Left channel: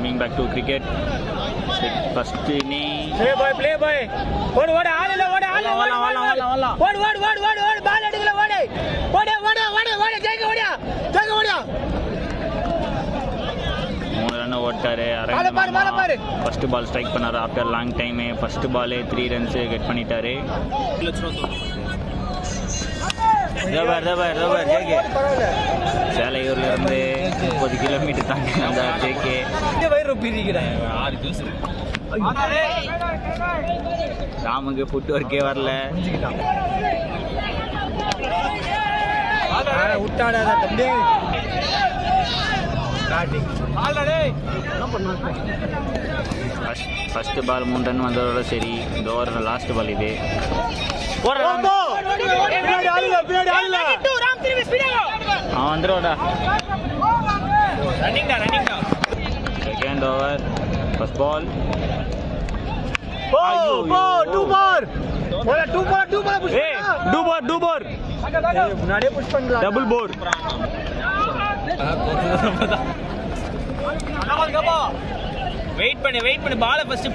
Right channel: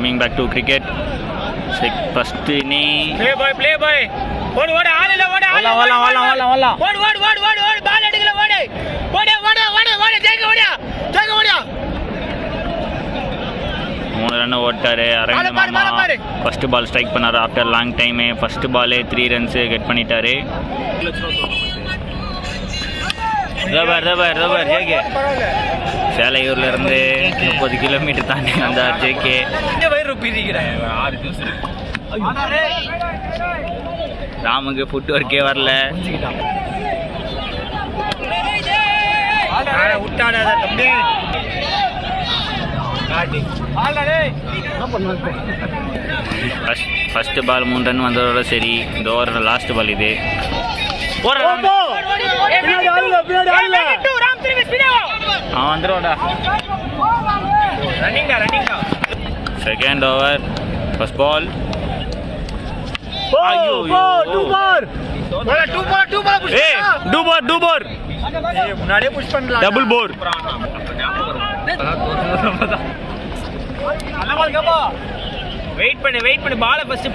Coming back to cricket. First inning. Play boy. Odu ஆளல ஓடு பால் அடிக்கல ஓடு ஜெயிக்க ஓடியா 3 ரன் ஓட்டாரு அரவிந்த் மாமா. ஃபர்ஸ்ட் பால் ஸ்ட்ரைக் பண்ணாரு ஆஃப்டர் லாங் டைம். ஃபர்ஸ்ட் பாலே 3 ரன்ஸ் கெட் பண்ணிட்டாரு. ரபர் ஜேகே சேலையூர்ல இருந்து 30 கிலோமீட்டர் தாண்டி வந்தார் ஜேகே. ராமுக்கு ஃபுட் ஒர்க்கே வரல. ஃபர்ஸ்ட் பால் 3 ரன் வந்ததோட சரி. இந்த ஓவரோட லாஸ்ட் பால் இது. வந்துடுவாடா. Second over first ball. Double four. Wait பண்ணு பால ஃபர்ஸ்ட்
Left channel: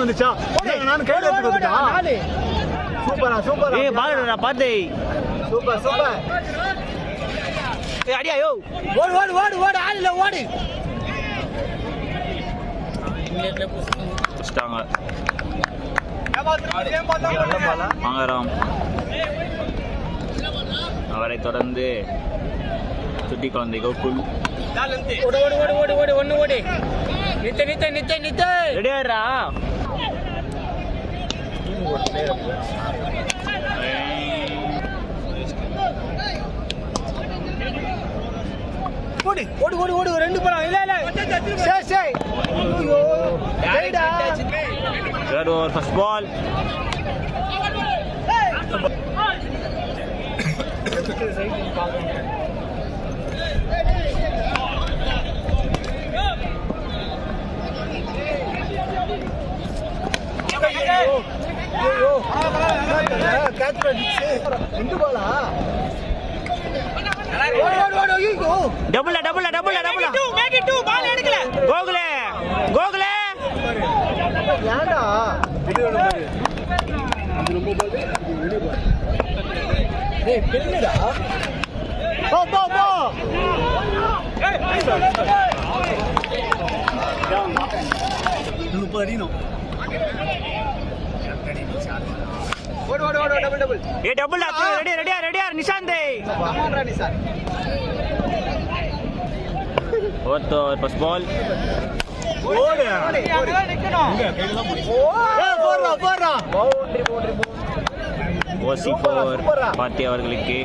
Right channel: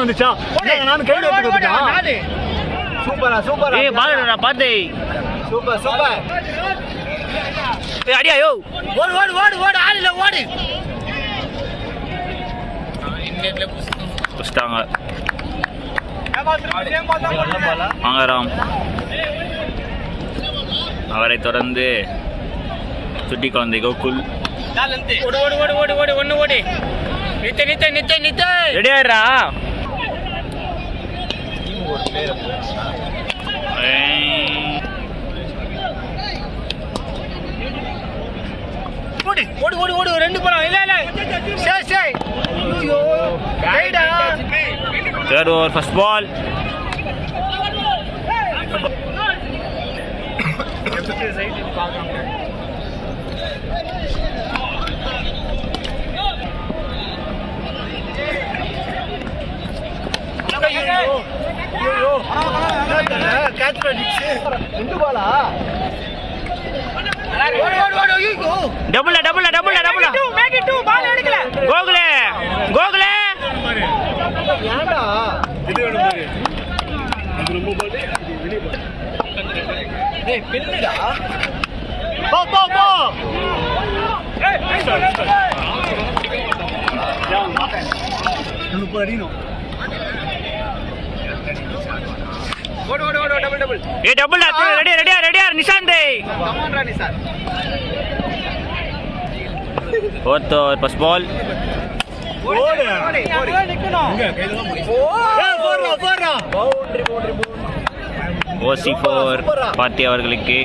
வந்துச்சா நான் கேடு சூப்பரா ஏய் பாலடா பாத்து சூப்பர் ஏய் அடியா யோ ஓடு ஆளல ஓடு புஸ்டாங்க வாங்கராம். அவரை தொடர்ந்து சுட்டி குழந்தை கோகுல். ஓடு நித்த ரெடியாரா. ஓடு ரெண்டு போலாம் இல்ல சரி ஐயோ ரைடா. Third over first ball. Double கோகுலே ஏண்டா பெண்ணுடா ரெடியா Nishanth. Fourth over first ball. OC4 Parthi அவர்களுக்கு.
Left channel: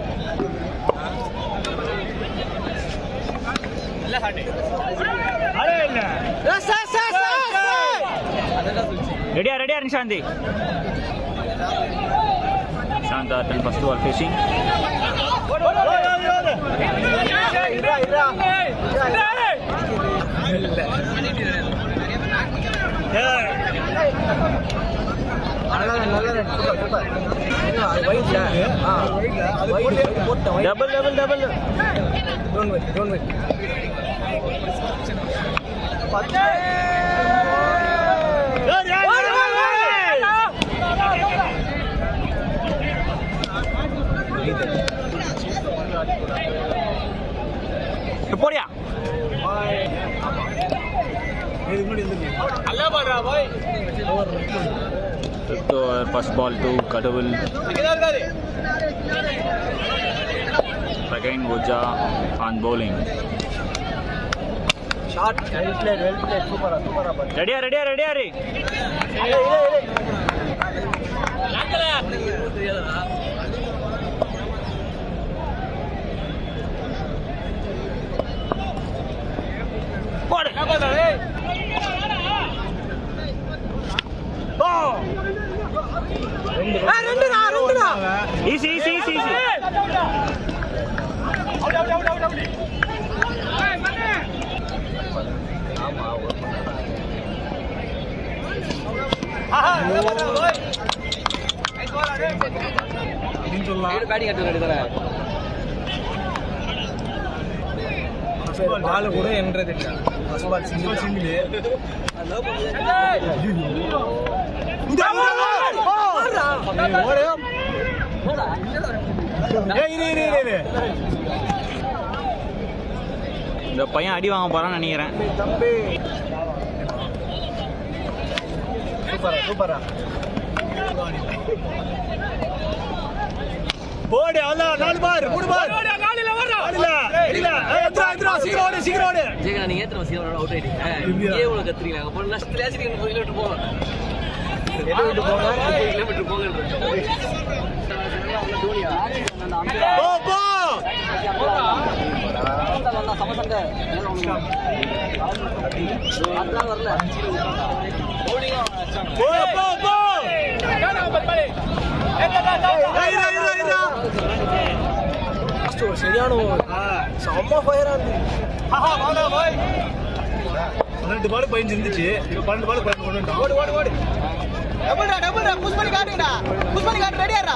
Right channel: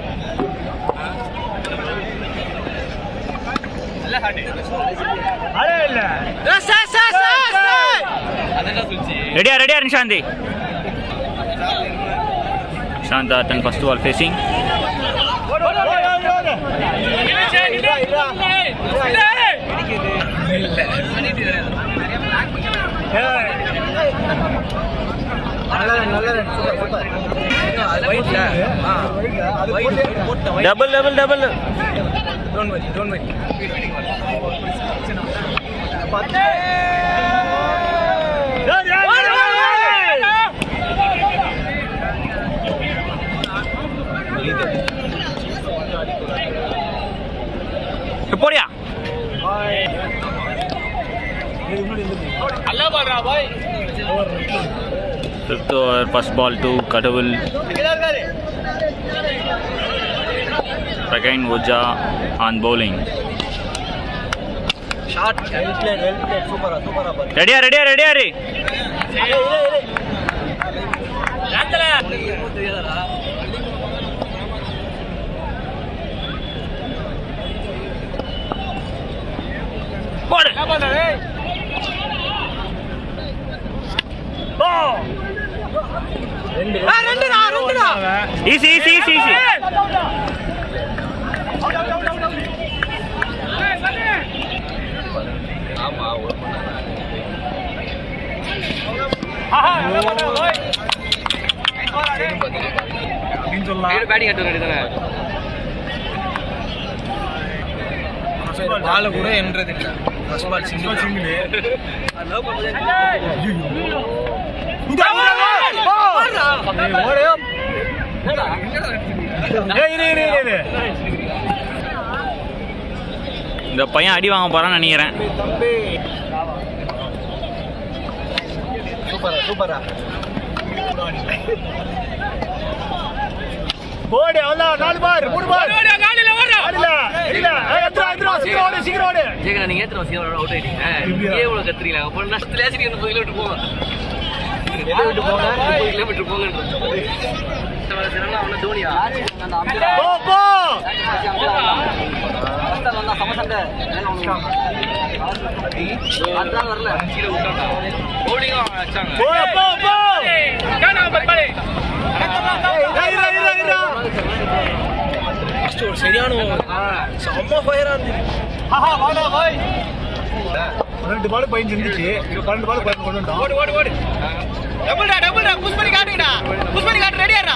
ரெடியா நிஷாந்த். நிஷாந்த் தன் ஃபர்ஸ்ட் பால் ஃபேசிங். டபுள் போடியா. Fifth over first ball to Kadavul. Again Oja on bowling. shot well played super ready போடு. ஈஸி ஆமா ஒரு அப்படின்னு சொல்லலாம். பேட்டிங் எடுத்து ரெடி தானே கூட என்றது ஃபர்ஸ்ட் பால் சிங்கிள் இந்த பையன் அடி வாங்க போறான்னு நினைக்கிறேன். சூப்பரா போடு அவ்வளோ 4 பார் 3 பார் சீக்கிரம் ஓடு ஜெகன் நீங்க ஏத்துறோம் சீக்கிரம் அவுட் ஆயிட்டீங்க. ஏன் இவ்வளவு கத்துறீங்க? அப்ப நஷ்டத்துல ஏசி 30 கிலோமீட்டர் போங்க. எதை விட்டு போங்க 30 கிலோமீட்டர் போங்கன்றது. அவன தோனியா அந்த அம்பீரா போ போ ஃபர்ஸ்ட் வந்தா சமசங்க அதான் வரல கீழ விட்டாங்க. போடிங்க அடிச்சாங்க. போ போ போ சரியான செம்ம ஃபயரா இருந்துச்சு. 12 பால் 15 இருந்துச்சு. 12 பால் 15 கொண்டு வந்தான். ஓடு டபுள்டா புஷ் பண்ணி காட்டு ரெடியாடா.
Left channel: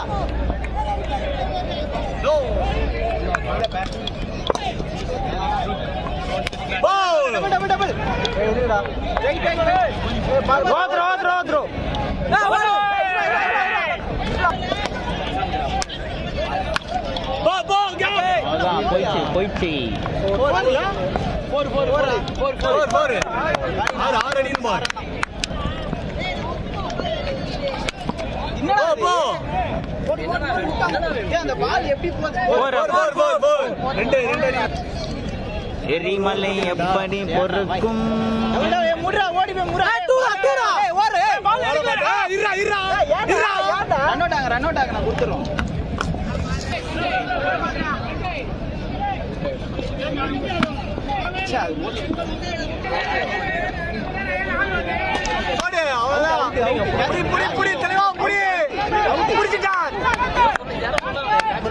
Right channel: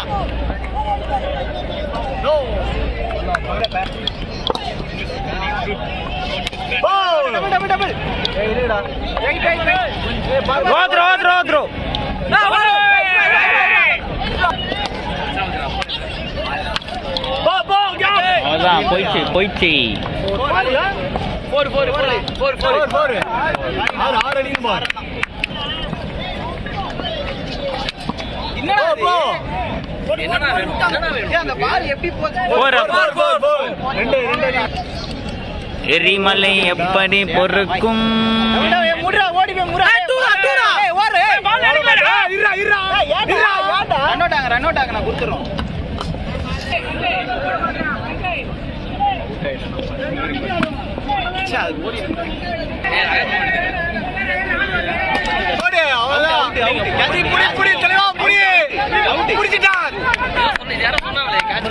டபுள் ஏய் இல்லடா த்ரோ அதான் போயிடுச்சு. 4 ஆறு அடிக்கும் பார். என்னடா வேணும்? அந்த பால் எப்படி போகுது? ரெண்டு அடி. எரிமலை எப்படி பொறுக்கும்? முடுறா ஓடி போய் முடுறா. ஏய் ஓடு. பால் அடிக்கலடா. இருடா. ரன் அவுட் ஆங்க நான் கொடுத்துறோம். போடு அவ்வளவுதான். புடி தலைவா புடி. புடிச்சிட்டான். யாரோ சொன்னாங்களே கேட்ச்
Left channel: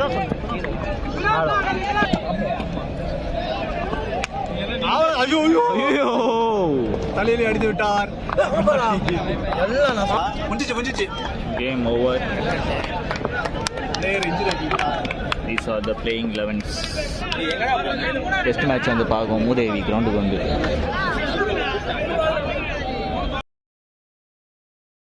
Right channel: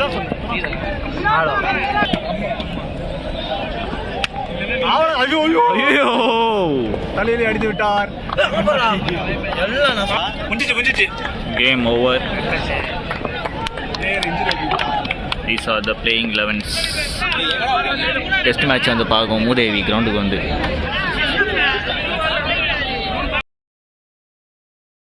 ஐயோ ஐயோ தலையில அடித்து விட்டார். Game over. These are the playing 11s. Test match வந்து பார்க்கும் மூதேவி கிரவுண்டுக்கு வந்து